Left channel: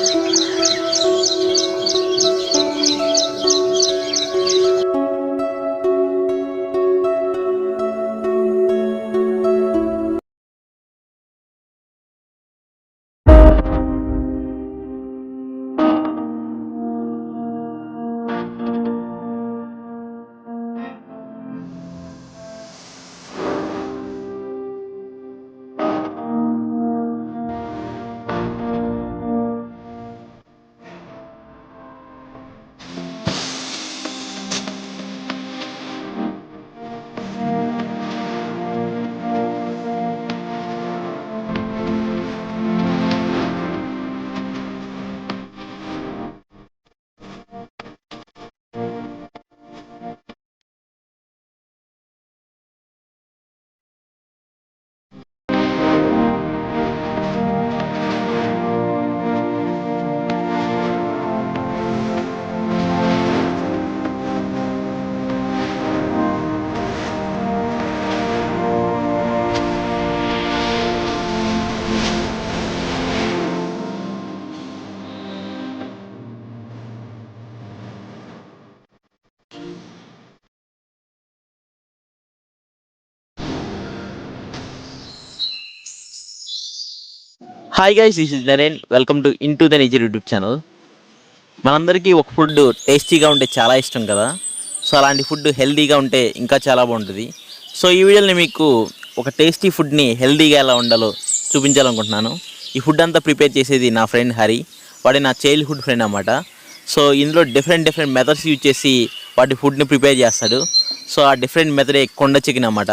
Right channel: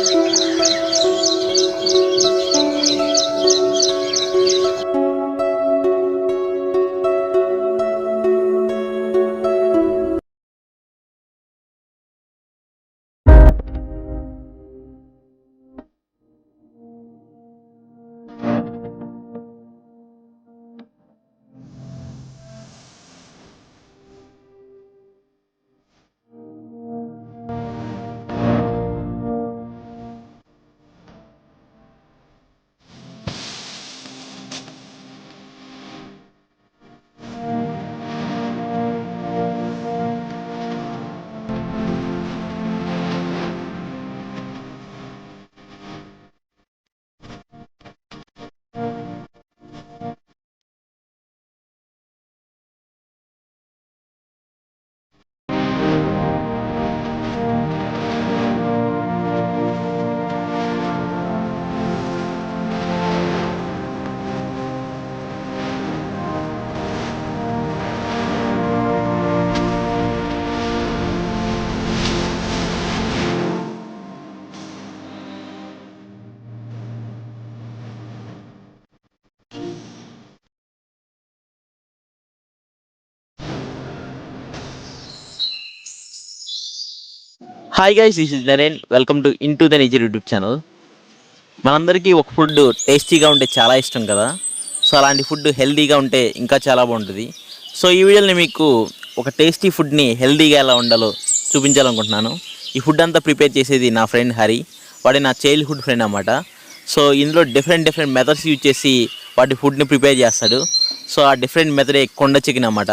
Hi guys, this is Naren. Welcome to into the nature YouTube channel. మనందరికీ ఒక food టేస్టీగా ఉంటే చాలా ఇష్టం కదా. సో అలాంటి ఫుడ్ హెల్తీగా ఉంటే ఇంకా చాలా బాగుంటుంది. సో ఈ వీడియోని మీకు ఒక టేస్టీ ఫుడ్ని హెల్తీగా ఎలా ఉండాలో చూపించాలనుకుంటున్నాను. ఈ ఫుడ్ అంతా ప్రిపేర్ చేసేది నా ఫ్రెండ్ హరి. వాడి నా చైల్డ్హుడ్ ఫ్రెండ్ అన్నమాట. సో ఇందులో డిఫరెంట్ మెథడ్స్ యూజ్ చేసి వాటి ఫుడ్ని ప్రిపేర్ చేస్తాడు. సో ఆ డిఫరెంట్ మెథడే కొండ చికెన్ అన్నమాట.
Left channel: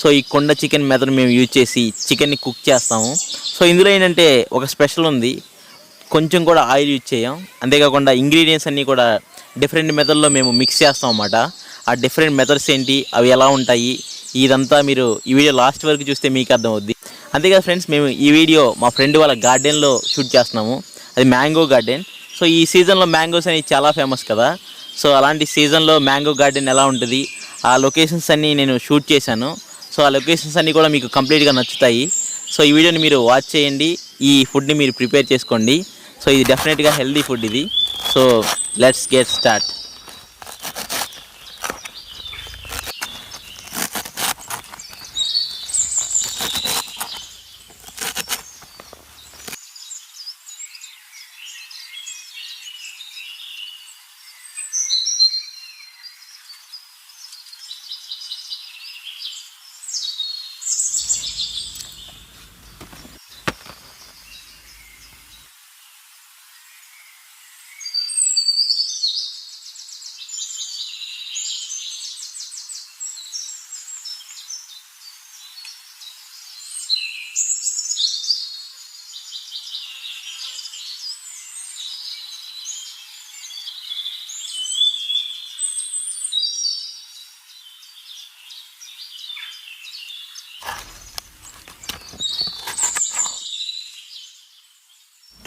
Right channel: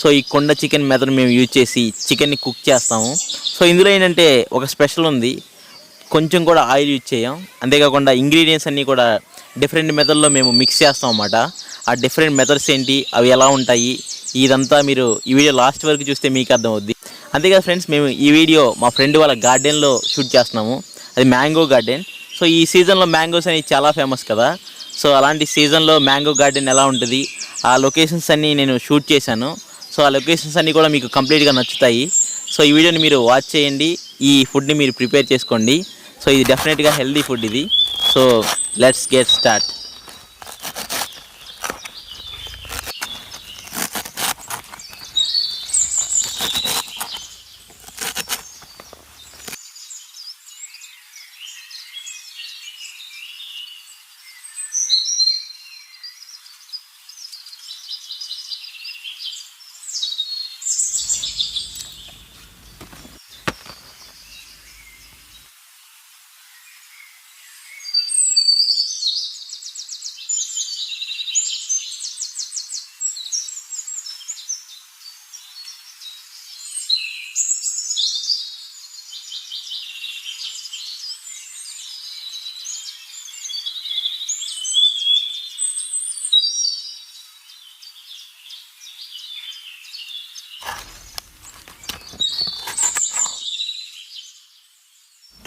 సో ఈ కొండ చికెన్ మెథడ్ మేము యూజ్ చేసి చికెన్ని కుక్ చేస్తాము. సో ఇందులో ఏంటంటే ఒక స్పెషల్ ఉంది, కొంచెం కూడా ఆయిల్ యూజ్ చేయం. అంతేకాకుండా ఇంగ్రీడియంట్స్ అన్నీ కూడా డిఫరెంట్ మెథడ్లో మేము మిక్స్ చేస్తాం అన్నమాట. ఆ డిఫరెంట్ మెథడ్స్ ఏంటి, అవి ఎలా ఉంటాయి, ఇదంతా మీరు ఈ వీడియో లాస్ట్ వరకు చూస్తే మీకు అర్థమవుద్ది. అంతేకాదు ఫ్రెండ్స్, మేము ఈ వీడియో మా ఫ్రెండ్ వాళ్ళ గార్డెన్లో షూట్ చేస్తున్నాము. అది మ్యాంగో గార్డెన్. సో ఈ సీజన్లో మ్యాంగోస్ అనేవి చాలా ఫేమస్ కదా. సో అలాంటి సీజన్లో మ్యాంగో గార్డెన్ ఎలా ఉంటుంది, ఆ లొకేషన్స్ అన్నీ నేను షూట్ చేశాను. సో ఆ లొకేషన్స్ అన్నీ కూడా మీకు కంప్లీట్గా నచ్చుతాయి. సో ఈ వీడియోని మీరు వాచ్ చేయండి, ఈ ఫుడ్ని మీరు ప్రిపేర్ చేసుకోండి. సో ఇది డెఫినెట్గా హెల్దీ ఫుడ్ ఇది. So let's get start.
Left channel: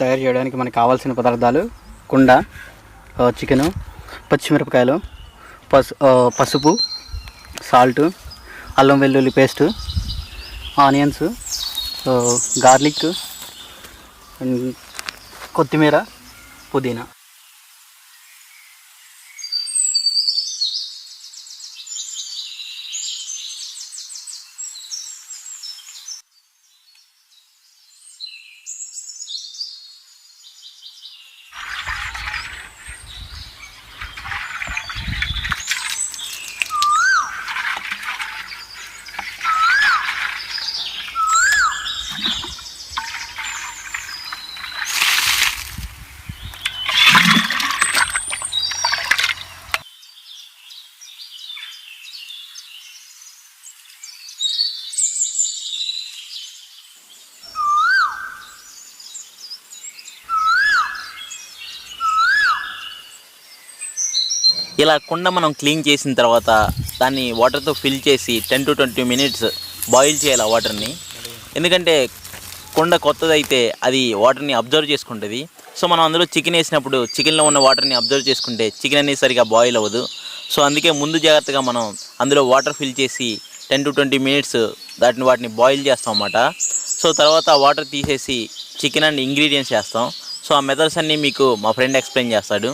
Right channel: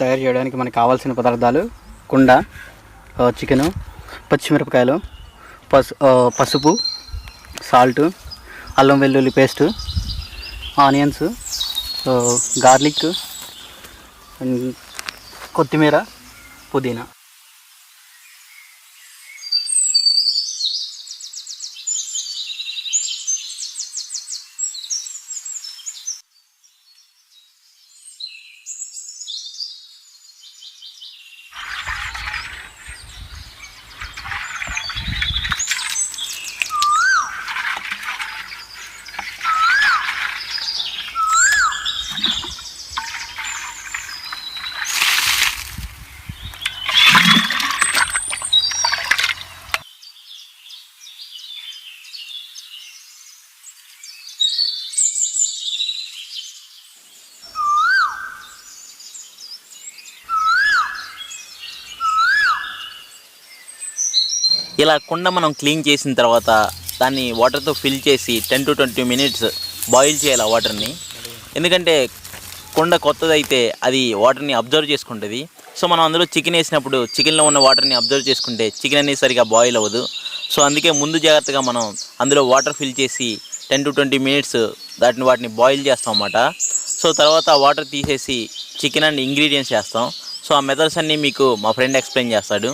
తయారు చేయడానికి మనకు కావాల్సిన పదార్థాలు: కుండ, చికెను, పచ్చిమిరపకాయలు, పసుపు, సాల్ట్, అల్లం వెల్లుల్లి పేస్ట్, ఆనియన్స్, గార్లిక్, కొత్తిమీర, పుదీనా. ఇలా కుండ మనం క్లీన్ చేసిన తర్వాత దాన్ని వాటర్తో ఫిల్ చేసి 10 to 20 minutes బాయిల్ చేయాలి ఆ వాటర్ని. ఎందుకంటే కుండ కొత్తదైతే అది వాటర్ని అబ్జర్వ్ చేసుకుంటుంది. సో మనం అందులో చికెన్ వేసినప్పుడు చికెన్లో ఉన్న వాటర్ని అబ్జర్వ్ చేసుకుంటే చికెన్ అనేది సరిగా బాయిల్ అవ్వదు. సో అందుకే ముందు జాగ్రత్తగా మనం అందులో వాటర్ ఫిల్ చేసి 10 to 20 minutes వాటిని బాయిల్ చేస్తాం అన్నమాట. సో తర్వాత వాటర్ తీసేసి చికెన్ అండ్ ఇంగ్రీడియంట్స్ వేస్తాం. సో ఆ మెథడ్స్ అన్నీ మీకు మా ఫ్రెండ్ ఎక్స్ప్లెయిన్ చేస్తాడు.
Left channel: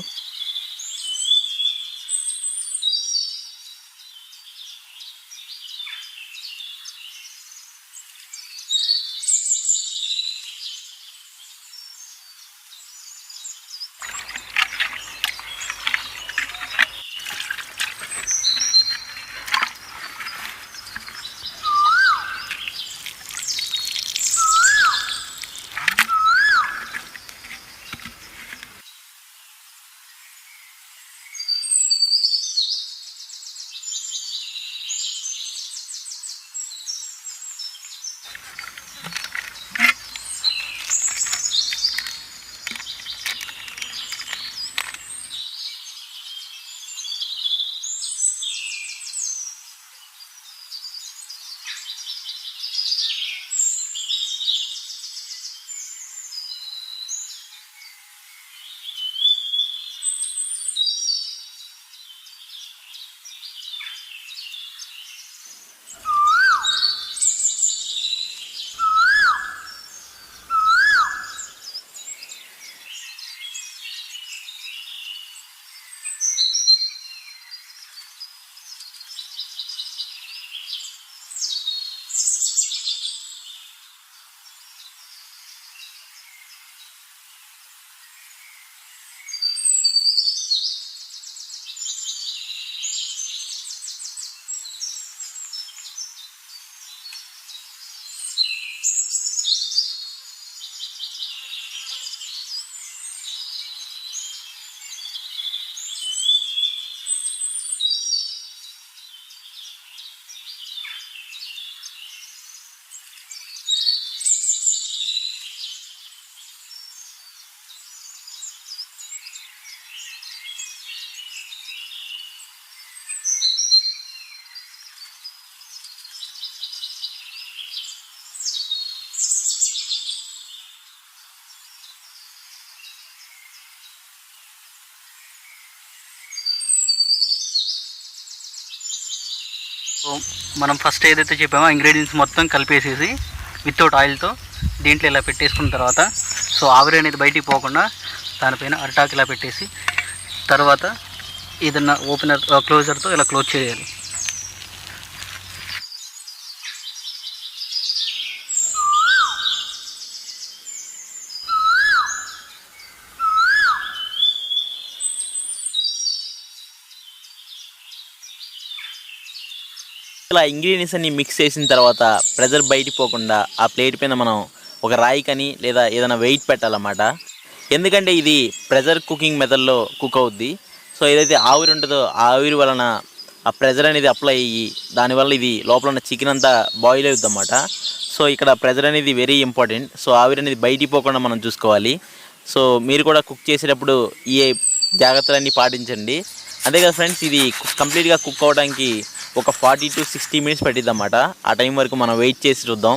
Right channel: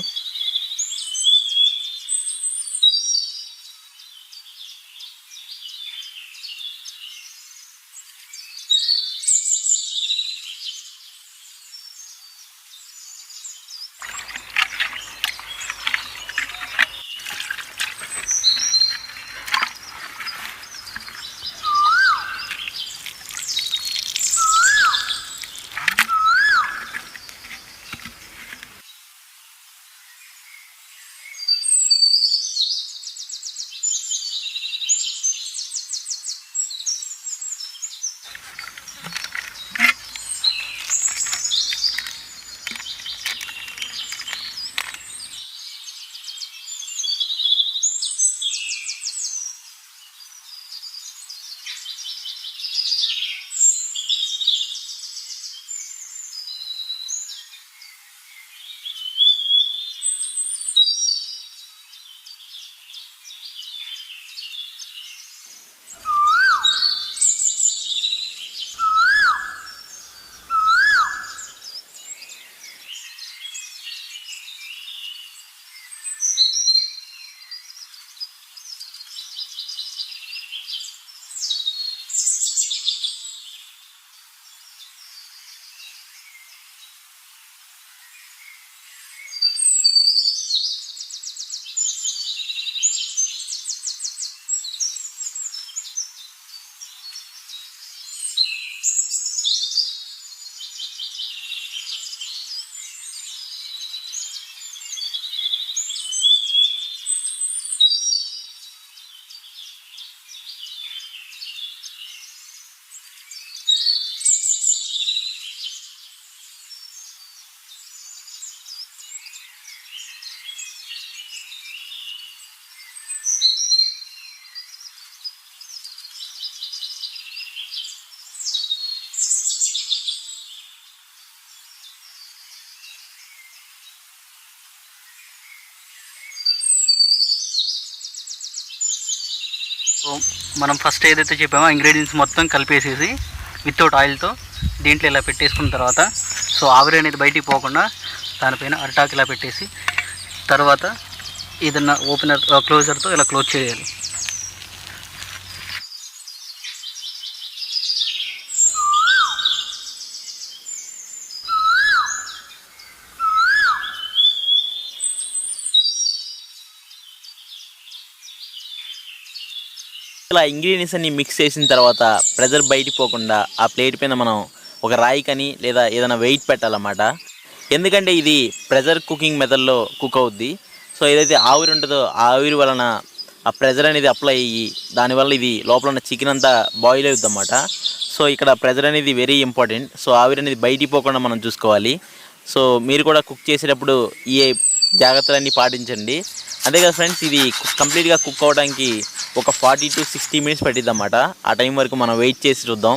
సో మనం ఫస్ట్ ఏదైతే చెప్పామో ఇంగ్రీడియంట్స్ మొత్తం కలిపేసేసి వితౌట్ ఆయిల్తో దీంట్లో ఇలా పెట్టేసుకున్న తర్వాత సో ఆవిరి అనేది బయటికి పోకుండా దానిపైన అరిటాకు ఇలా పెట్టేసి తర్వాత ఏదన్నా ఓపెనర్ క్లోజర్తో ఇలా క్లోజ్ చేయాలి. ఇలా ఇంగ్రీడియంట్స్ అన్ని మిక్స్ చేసిన తర్వాత ప్రెజర్ బయటికి పోకుండా ఆ ప్లేట్ పైన మనం ఒక రాయి కానీ లేదా ఏదైనా వెయిట్ పెట్టాలన్నమాట. ఎందుకంటే ఇది ప్రెజర్ కుకింగ్ మెథడ్లో కుక్ అవుద్ది. సో ఏదైతే ఆవిరి ఉంటుందో ఆ ఆవిరి వలన ఆ ప్రెజర్ అనేది అప్లై అయ్యి దానివల్ల ఇది లోపల ఉన్న చికెన్ అంతా బాయిల్ అవుద్ది అన్నమాట. సో ఇక్కడ ప్రెజర్ అనేది వెరీ ఇంపార్టెంట్. సో ఆవిరి అనేది బయటికి పోకుండా మనం చూసుకోవాలి. సో మీరు కూడా కుక్ చేసేటప్పుడు ఈ జాగ్రత్తలన్నీ పాటించండి. అంతే కదా ఫ్రెండ్స్, ఇది కంప్లీట్గా కుక్ అవ్వడానికి ఒక 40 to 60 minutes పట్టిద్ది అన్నమాట. ఆ టైం వరకు మనం వెయిట్ చేసి చూద్దాం.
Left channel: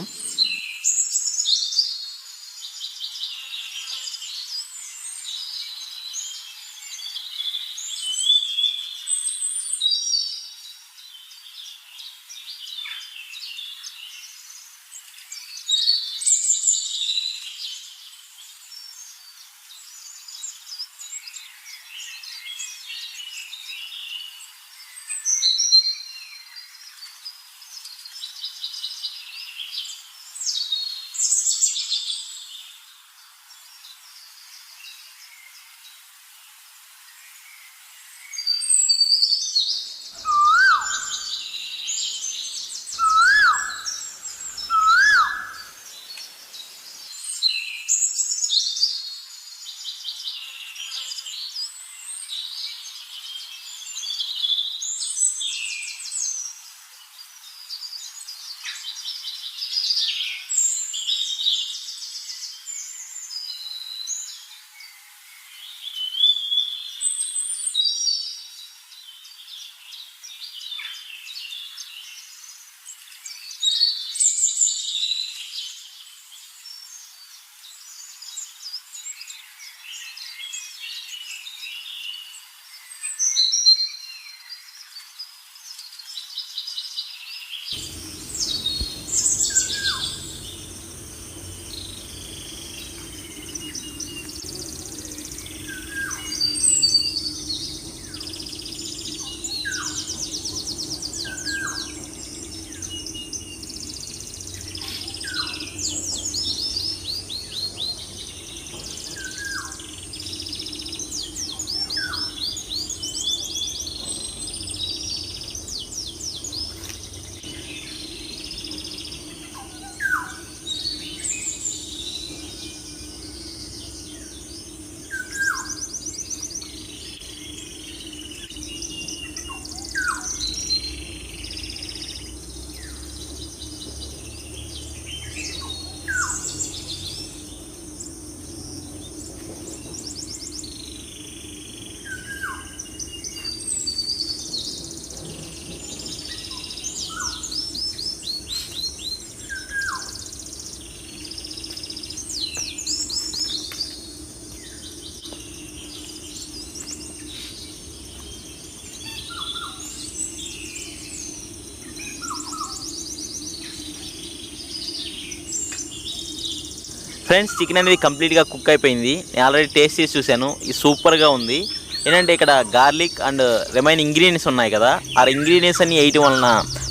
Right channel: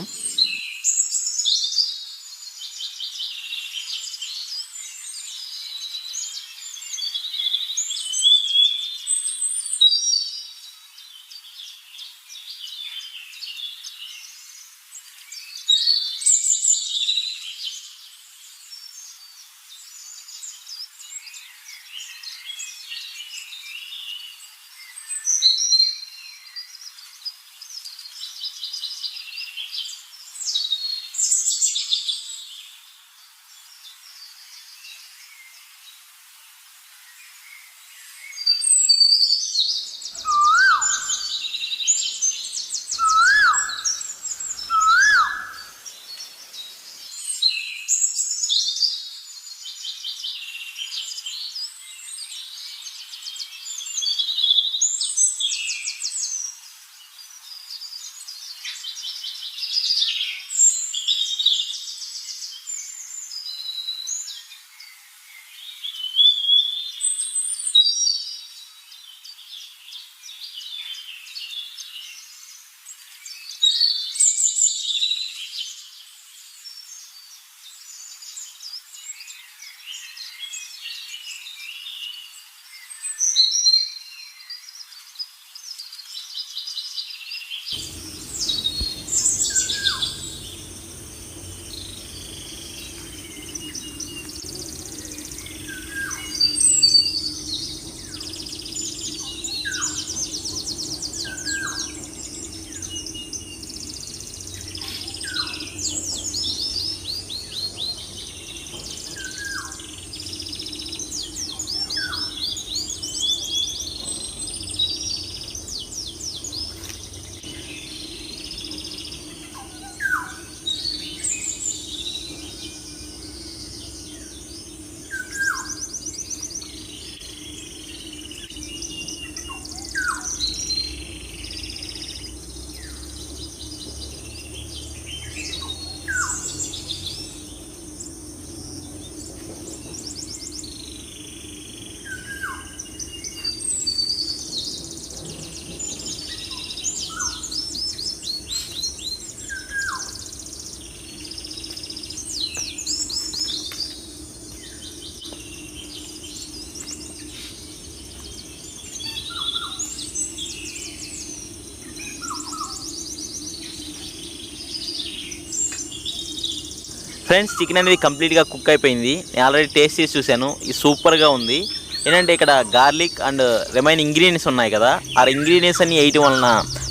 ఫ్రెండ్స్ చికెన్ అనేది కంప్లీట్గా కుక్ అయిపోయింది. నేను ఆల్రెడీ టేస్ట్ చేసి చూశాను. ఇది సూపర్గా ఉంది. ఏంటంటే ఇక్కడ గార్లిక్ అండ్ రిమైన్ ఇంగ్రీడియంట్స్ ఉన్నాయి కదా, ఆ ఇంగ్రీడియంట్స్ అన్ని వేయటం వలన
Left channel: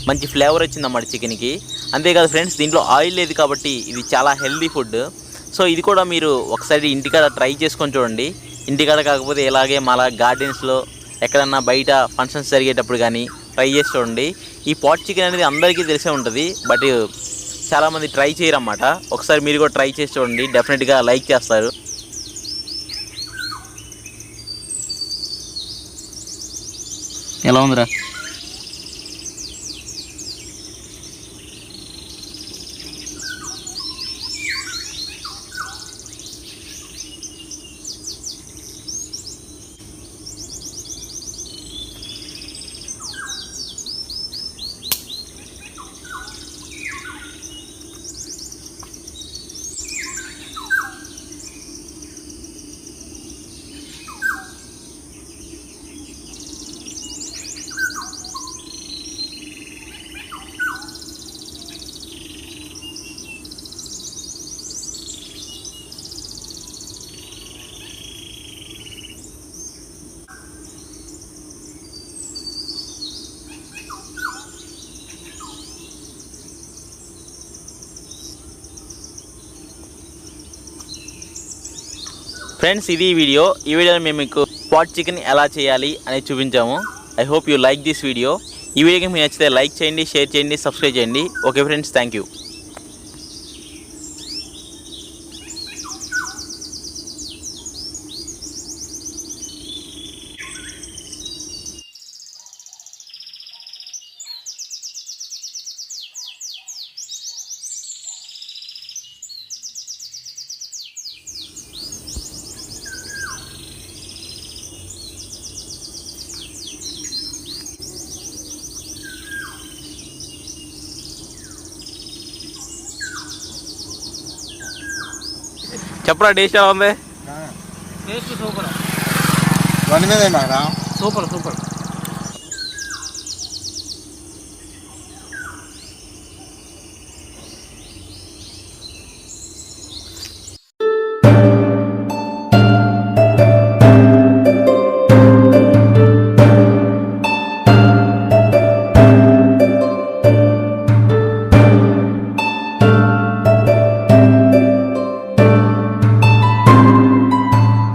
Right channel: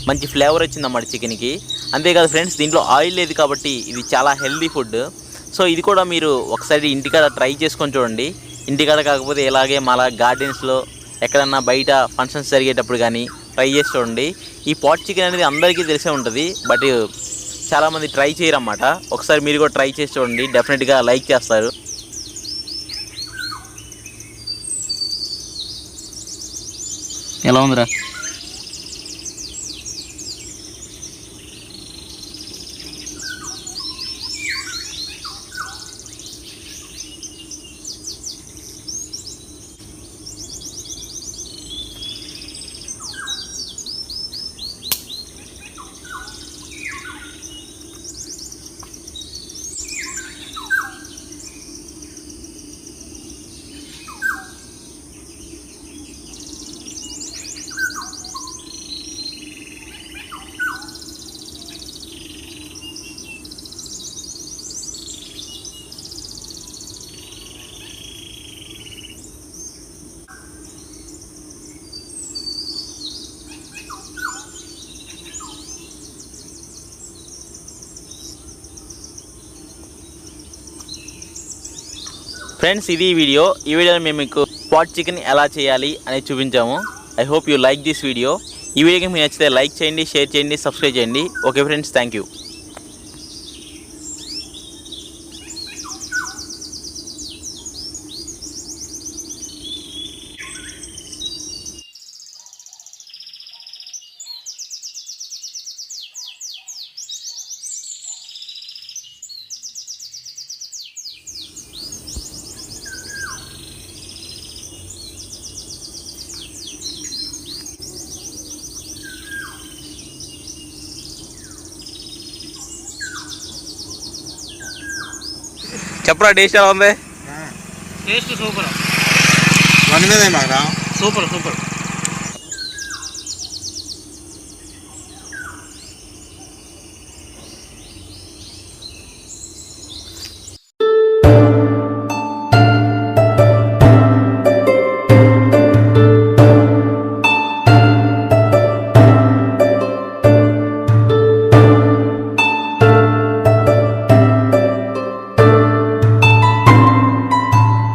మంచి ఫ్లేవర్ వచ్చిందన్నమాట చికెన్కి. అంతేకాదు ఫ్రెండ్స్, దీంట్లో ఆయిల్ లేదు కాబట్టి ఇది చాలా హెల్దీ ఫుడ్. సో ఇది కూడా మీరు ఒకసారి ఇంటికాడ ట్రై చేసుకొని చూడండి. ఇంటికాడ కాకపోతే ఇలాగే మళ్ళా గార్డెన్స్లో ఎక్కడన్నా బయట ఫంక్షన్స్ జరిగేటప్పుడు కానీ ట్రై చేసి చూడండి. ఈ పాట్ చికెన్ అనేది అందరికీ తెలిసే ఉంటుంది, బట్ చాలామంది ట్రై చేయరన్నమాట. ఒకసారి మీరు కూడా ట్రై చేసి చూడండి, డెఫినెట్గా లైక్ చేస్తారు. ఎలా ఉందిరా? ఫ్రెండ్స్ ఇది ఈ వీడియోలో మేము మీకు పాట్ చికెన్ ఎలా చేయాలి అనేది చూపించాము. I hope you like this video. ఈ వీడియోకి మీకు నచ్చితే లైక్ చేయండి, షేర్ చేయండి, సబ్స్క్రైబ్ చేయండి. Okay friends, thank you. చెప్పరా, టేస్ట్ ఎలా ఉంది? Taste super. వన్ మీద సూపర్ సూపర్.